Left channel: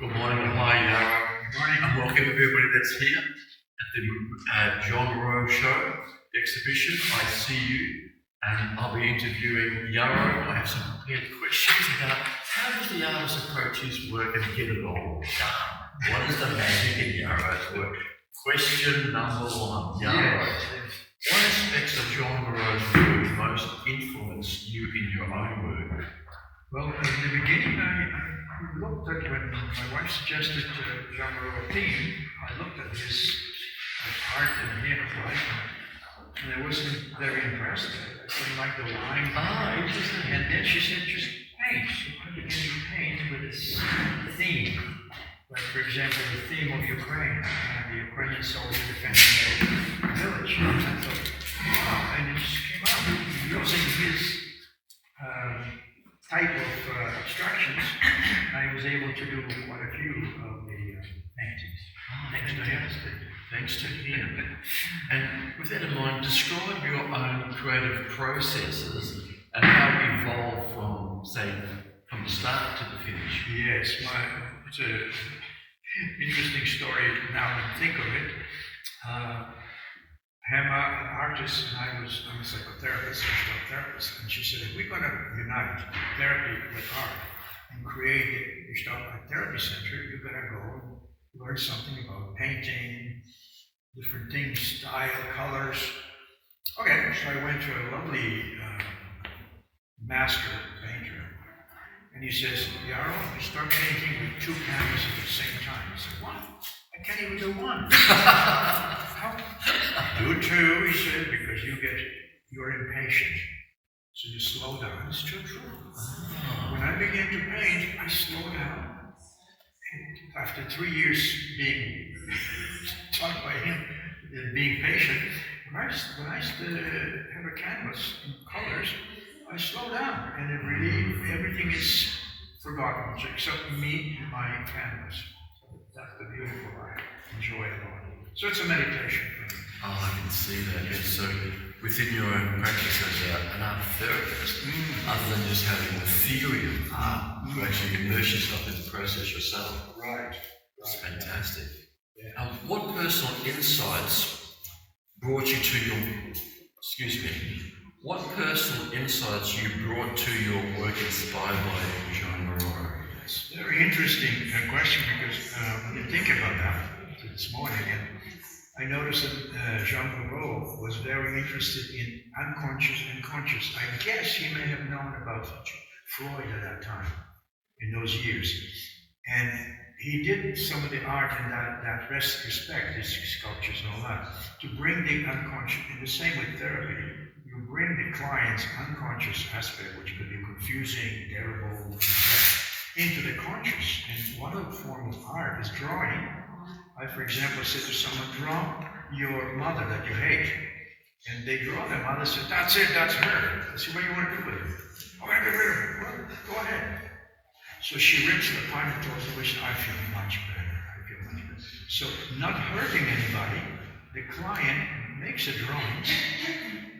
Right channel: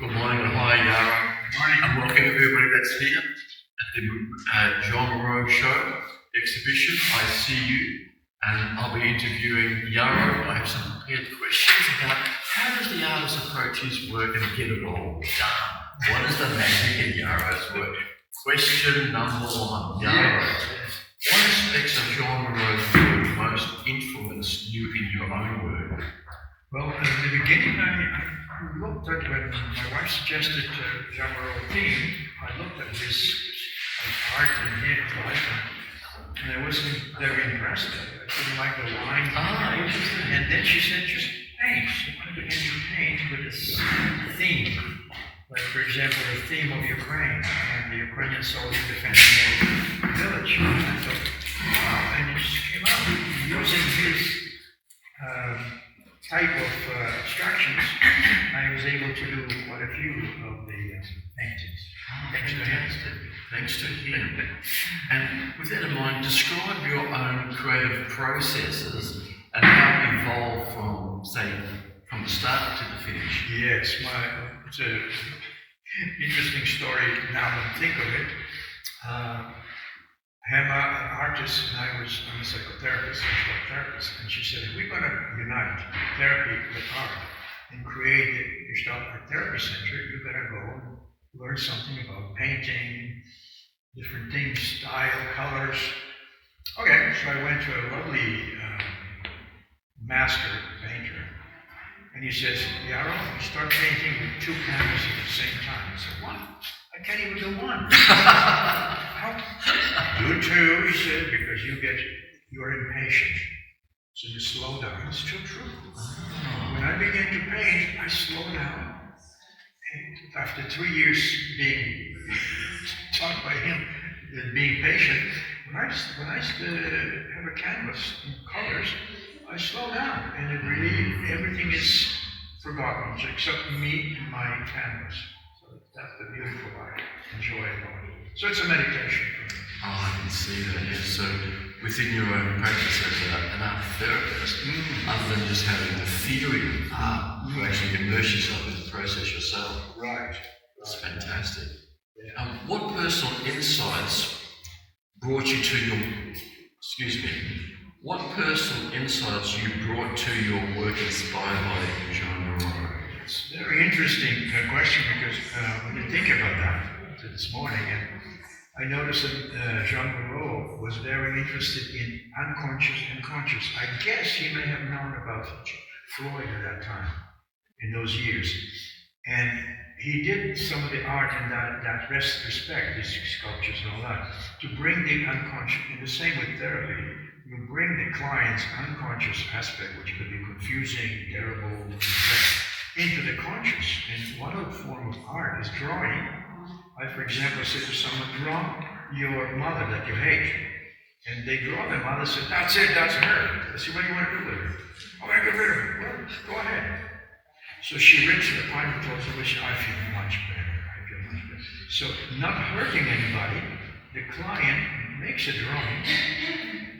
Good morning and hi, Yaro. Good morning. And welcome everybody that's here at the Joan Miro show exhibition. I see you, and I'll be interviewing Yaro. I have some prepared questions about how does the artist approach his work and get it all done? What is the magic in Yaro's work? Question number one, Yaro. What aspects of Joan Miro's work most influenced you in your own work? Well, in the beginning, I looked at when my wife suggested Joan Miro theme. I looked at his art and his life, and I wasn't very impressed. I didn't like the lines. Interesting. And then she said, just paint. Why don't you paint with this theme? Like, for example, the theme of Ukraine and the Ukrainian soldiers defending a village. And I thought, wow, and it just came out using his type of abstractions. I was able to do quite a few of the paintings. Thanks to him. Thanks to him. And with that in mind, describe your own creative processes and how it evolved from, say, from the start to the finish. Yes, it's an interesting story now that I think of it. Gemma, an artist, and I'm a psychotherapist, therapist, and she said, if we're going to unite therapy with art and create a Gestalt Art Therapy Center, you've got to go and learn something about painting, different things, style, colors. Okay, so I went to a lovely master painter, and he says, Yaro, you start painting with two canvases at the same time. I said, what? I can't even do one. How? Do two, he said, because you're impatient. So you slow down. It's true. When I began to paint, I slowed down. And after 3 years being taught by him, being patient, when I have a canvas in colors, I slow down, and it really, everything is forgotten except me and my canvas. So that's the beautiful I enjoy about it. So it's a meditation for me. Oh, I can see that, yes. So within your own practice as an art therapist, other than just having the theory of art, you actually immerse yourself in the process yourself. Right. It's fantastic. Yeah. What personal insights brought you to your, what personal insights you brought to your work inspired by Joan Miro? It's a very interesting question because when you think about that this morning, and I noticed that Joan Miro was very interested in unconscious and conscious. I guess he may have known about Freud at that time, in those years. And he did some of the art in that respect, his sculptures and all that, to bring the unconscious, and the same with therapy, you bring the client's unconscious aspect, which could be confusing, terrible, into the conscious. And one of the form of art is drawing. I, for example, said to someone, draw your mother that you hate. And they draw their mother, said, that's it, that's her. I said, what do you want to do with her? Oh, I get rid of her. Well, go ahead. So she rips her apart and tells her, which I feel much better. So not hurting anybody, the client makes a drawing,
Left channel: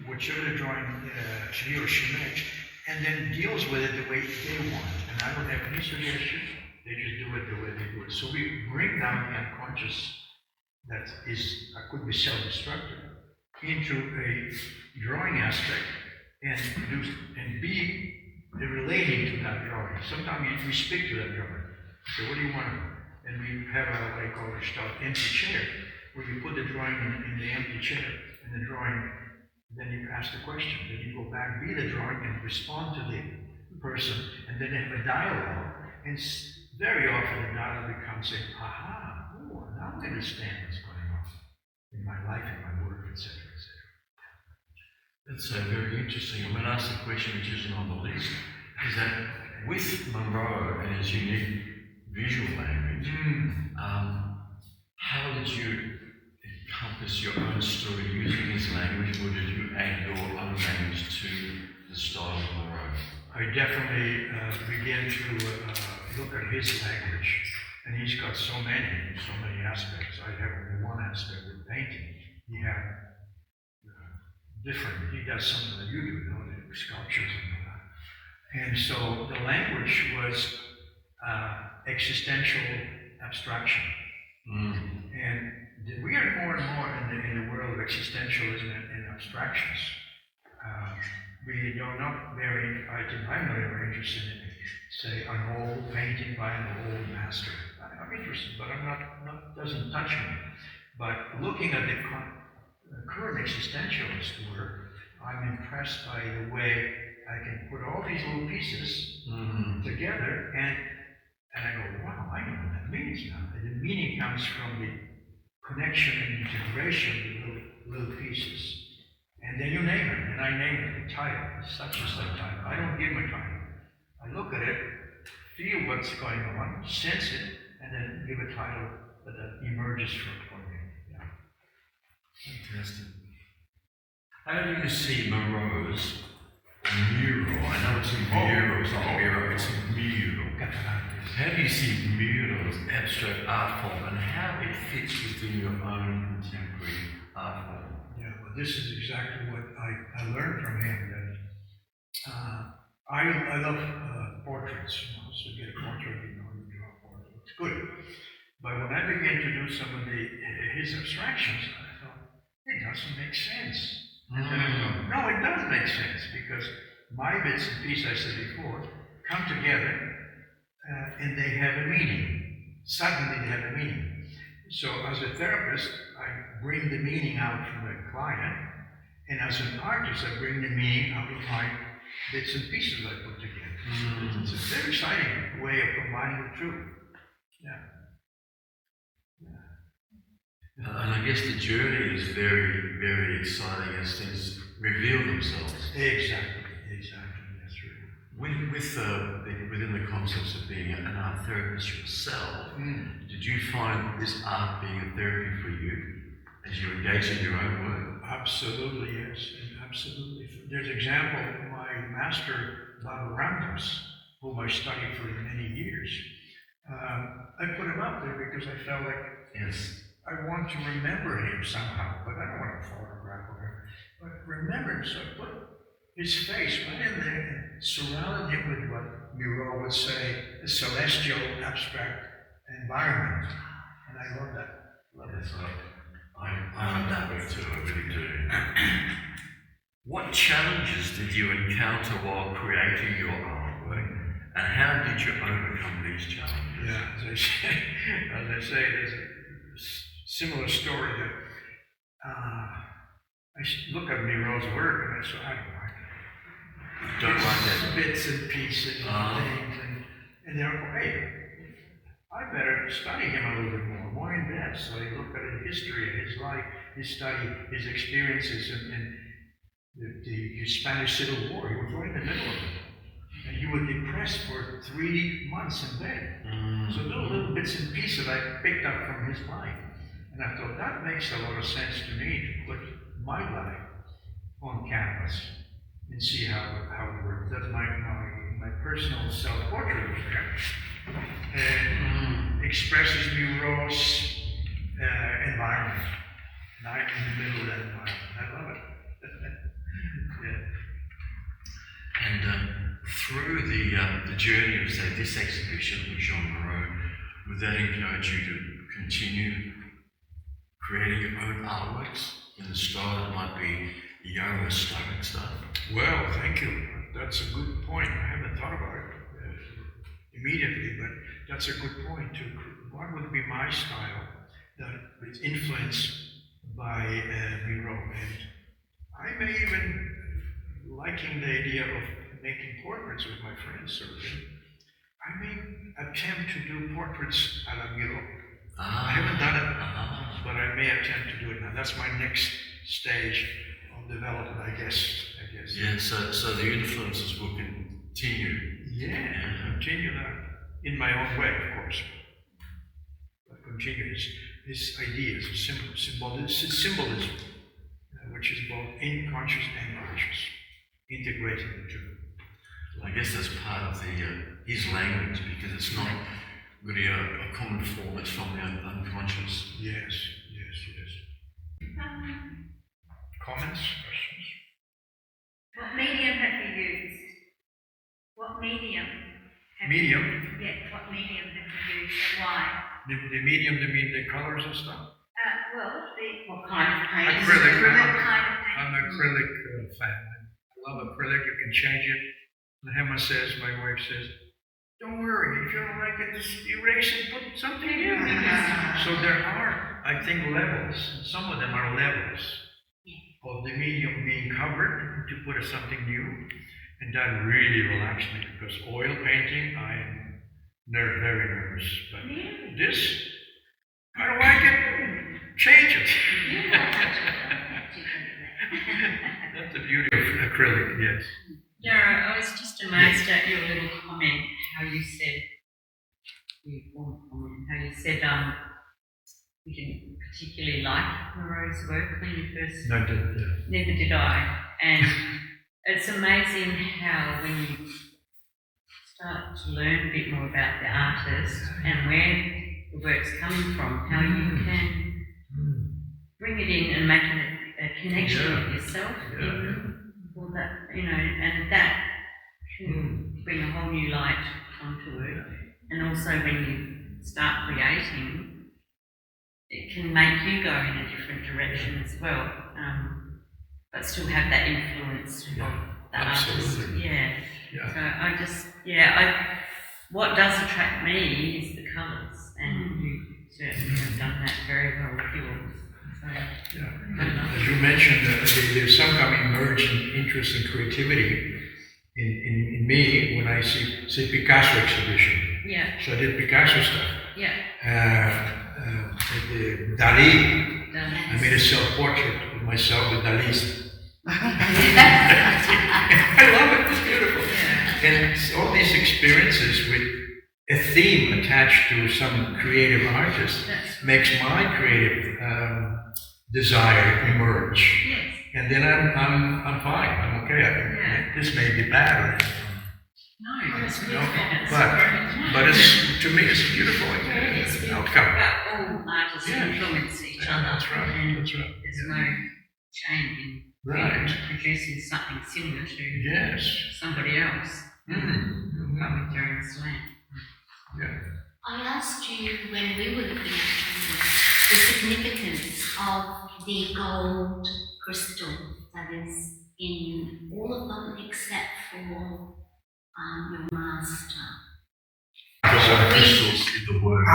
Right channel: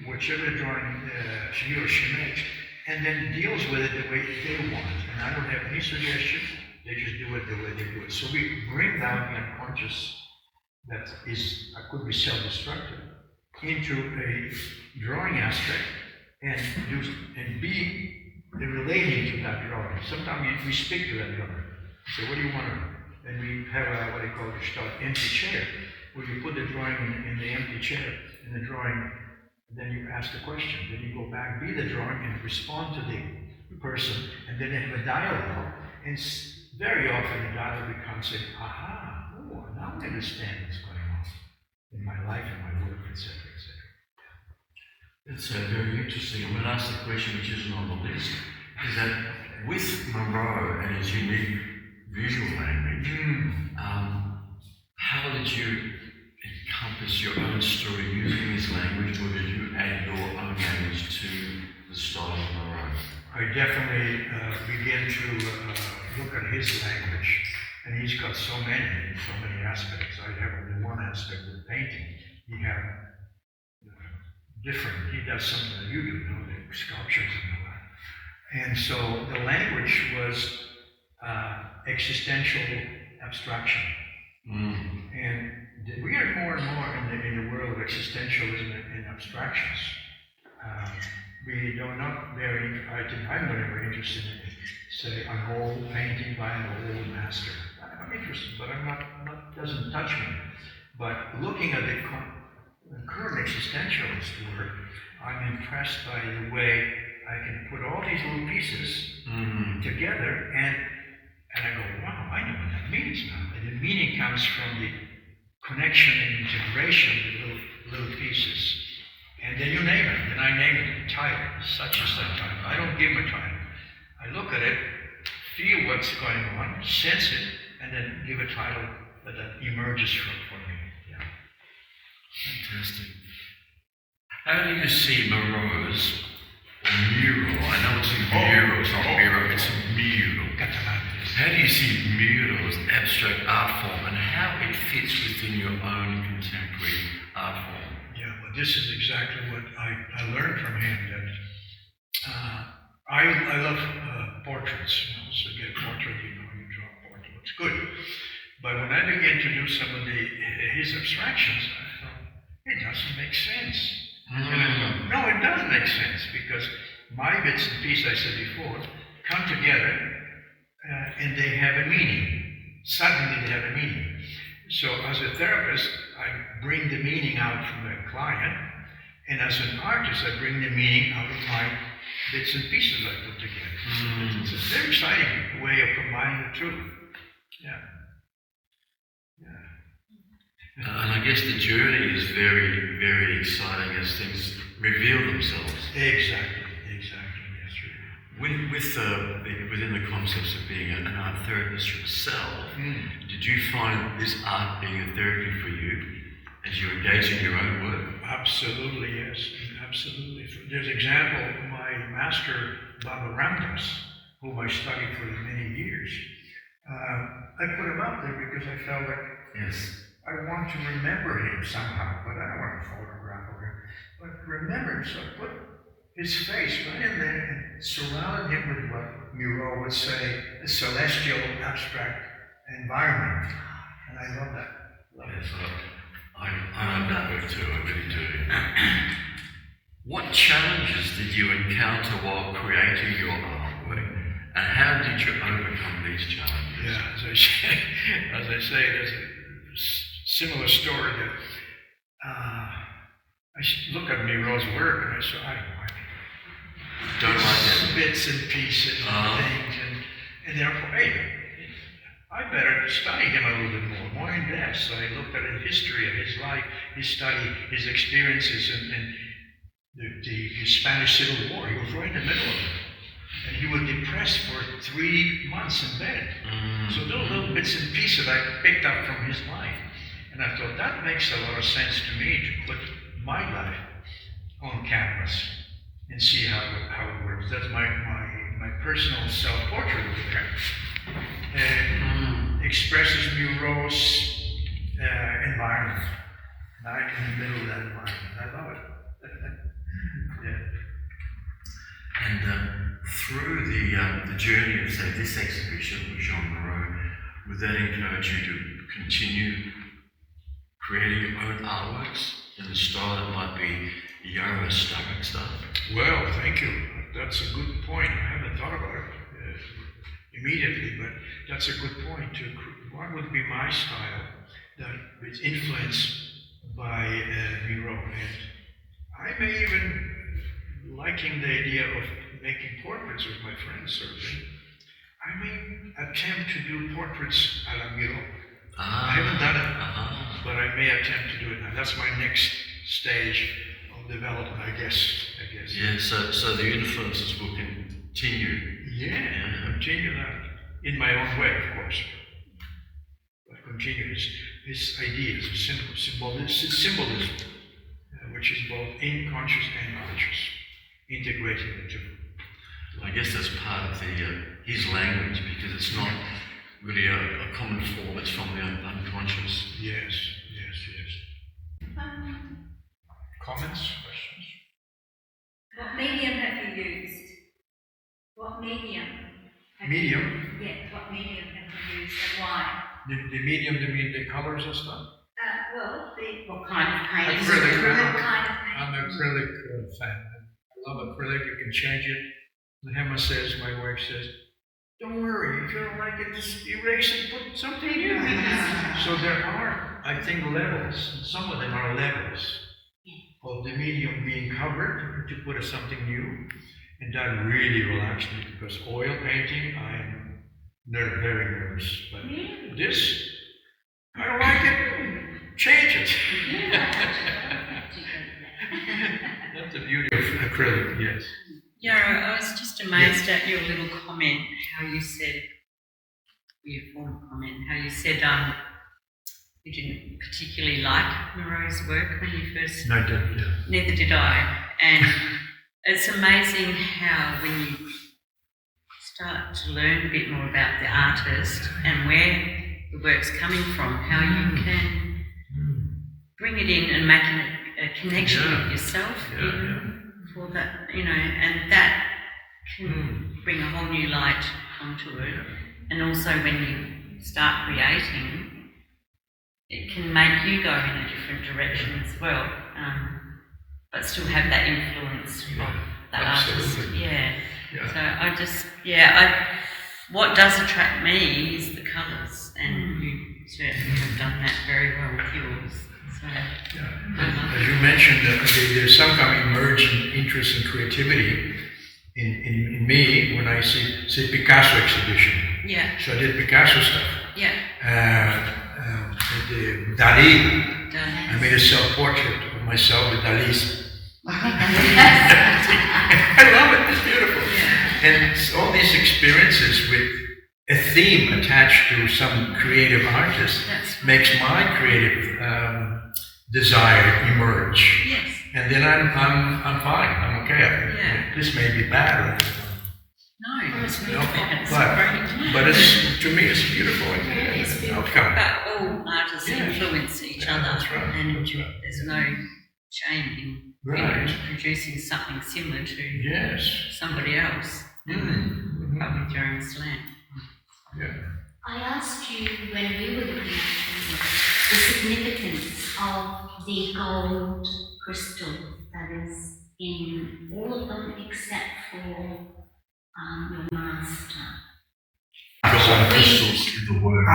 whichever drawing he or she makes, and then deals with it the way they want. And I don't have any suggestion. They just do it the way they do it. So we bring down the unconscious that could be self-destructive into a drawing aspect and be relating to that drawing. Sometimes we speak to that drawing. So what do you want to do? And we have what I call a empty chair, where you put the drawing in the empty chair, and the drawing, then you ask the question, then you go back, be the drawing, and respond to the person, and then they have a dialogue. And very often the dialogue becomes aha, oh, now I understand what's going on in my life, in my work, etc., etc. It's very interesting. I'm going to ask the question which isn't on the list, is that with Miro and his unique visual language, how did you encompass your own story using his language, or did you add your own language to the style of Miro? I definitely began to look at his language, and he's got so many aspects. I have only one aspect with painting. He has different, he does something that you do, the sculptures and all that. And so the language was existential abstraction. And we are more and more in the world of existentialism and abstractions. We are not very, I think I'm not very interested in, say, an old painting by an old master. I'm interested, but I'm not doesn't touch me. But looking at the current existentialist work, I'm impressed by the way I can put all these little pieces together, and I go, wow, I know what that means now. And the meaning comes from the connection and integration of the little pieces. And then you name it, and I name it the title, such and such title. I don't give them a title. I look at it, feel what's going on, sense it, and then give a title that emerges for me. Yeah. Fantastic. How do you see Miro's or Miro? I know it's Miro, it's not Miro, it's Miro. How do you see Miro's abstract art form and how it fits within your own contemporary art form? Yeah, well, this is exactly what I learned from him. That I love portraits. So you get a portrait, you draw a portrait, looks good. But when I began to do some of his abstractions, I thought, it doesn't make sense. And I thought, no, it does make sense, because my bits and pieces, I said before, come together and they have a meaning. Suddenly they have a meaning. So as a therapist, I bring the meaning out from the client, and as an artist, I bring the meaning out of my bits and pieces I put together. So it's a very exciting way of combining the two. Yeah. And I guess the journey is very, very exciting as things reveal themselves. Exactly, yes, really. Within the concepts of being an art therapist yourself, did you find this art being a therapy for you as you engage in your own work? Absolutely, yes, absolutely. There's an example of my master, Baba Ramdas, whom I studied for many years. I put him up there because I felt like, yes, I want to remember him somehow, but I don't want to photograph of him. But remember him, so I put his face right in there and surrounded him with what Miro would say, a celestial abstract environment. And I love that. Yes, I love that work too, I really do. What challenges did you encounter while creating your artwork, and how did you overcome these challenges? Yeah, as I say, there's a similar story that I look at Miro's work and I say, I don't like that. Bits and pieces and things, and therefore, hey, I better study him a little bit more in depth. So I looked at his history of his life, his study, his experiences, and the Spanish Civil War. He was right in the middle of it. And he was depressed for 3 months in bed. So those little bits and pieces I picked up from his life. And I thought, that makes a lot of sense to me, to put my life on canvas and see how it works. That's my personal self-portrait over there. And expresses Miro's environment. And I'm in the middle of that environment. I love it. Yeah. And through the journey of, say, this exhibition with Joan Miro, would that encourage you to continue creating your own artworks in the style that might be Yaro Starak stuff? Well, thank you. That's a good point. I haven't thought about it immediately, but that's a good point. What would be my style that is influenced by Miro? And I may even liking the idea of making portraits of my friends, certainly. I may attempt to do portraits a la Miro. I haven't done it, but I may attempt to do it now. That's my next stage of development, I guess. Yeah, so the influences will continue. Yeah, continue that in my own way, of course. But continue his ideas, symbolism, which is both unconscious and conscious, integrating the two. I guess that's part of his language, because it's not really a common form, it's from the unconscious. Yes. Comments? Questions? What medium have you used? What medium? Medium? Yeah, what medium have you used and why? The medium, you mean the colors and stuff? What kind of paint? Acrylic. What kind of paint? I'm an acrylic fan. I love acrylic. You can change it. And Gemma says, my wife says, don't worry, if you don't like it, just erase it, put something new. So there are, I think, levels. Some of them are levels of the medium being covered to put something new. And that really relaxed me because oil painting, I'm very nervous. But this, I don't like it, change it. That's the beauty of acrylic, yes. Yaro, I was just amazed at your little comment, how you said, your former comment, how you said you didn't particularly like Miro's work when you first... No, I didn't, yeah. Neither did I. And it's amazing how when you start to learn a bit more about the artist and where the work's coming from, how you can bring it in and make a connection with yourself for that, and that can bring a whole new light onto it. And also when you start creating, it can make you go in a different direction as well, but still have that influence of the artist. So what does attract me is the colours, and you certainly have done that very well with yours. So, as you mentioned, there's some kind of emergent interest in creativity in me when I see Picasso exhibition. Yeah. So I did Picasso stuff. Yeah. Dali. I made a self-portrait of myself with Dali's. I love it. It's beautiful. And it's all these experiences with a theme attached to some creative artist makes my creative desire emerge. Yes. And then I'm fine. I'm okay. This may be bad or no, it's beautiful. but it's, to me, it's beautiful outcome. But all artists influence each other. That's right. And that's right. there's no shame in producing something similar to somebody else. But with your own slant. Yeah. I asked you when we were looking at the significance of the gold crystal that is in all of them except for your master. Crystals in the work.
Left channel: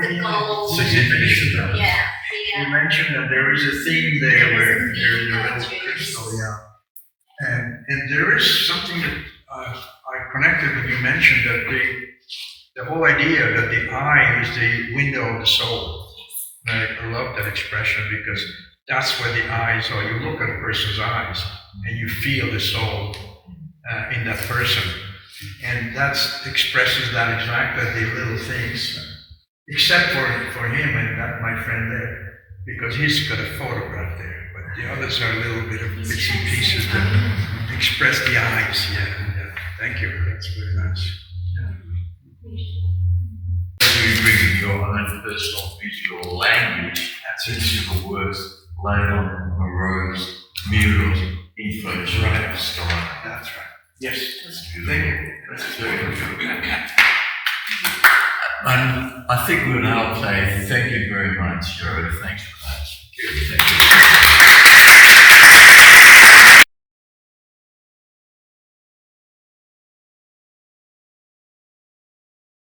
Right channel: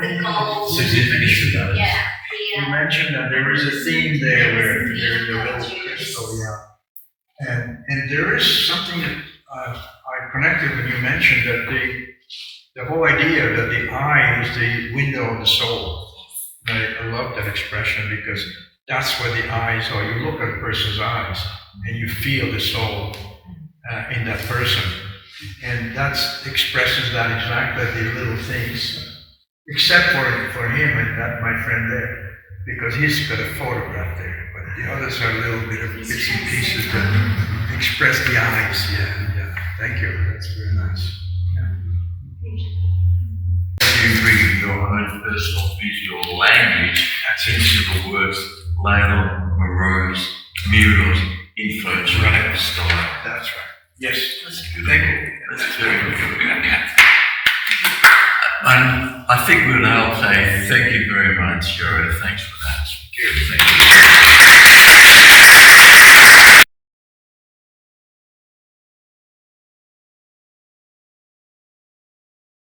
The gold. Significance of that. Yeah. You mentioned that there is a theme there where there's a little crystal, and there is something that I connected when you mentioned that the whole idea that the eye is the window of the soul. I love that expression because that's where the eyes are. You look at a person's eyes and you feel the soul in that person. And that expresses that exactly, the little things. Except for him and that my friend there, because he's got a photograph there. But the others are a little bit of bits and pieces that express the eyes. Yeah. Thank you. That's very nice. You bring your own personal visual language into the works laid on Miro's Miro's info style. That's right. Yes. Thank you. That's very good. And I think we'll now say thank you very much, Yaro. Thanks for that. Thank you.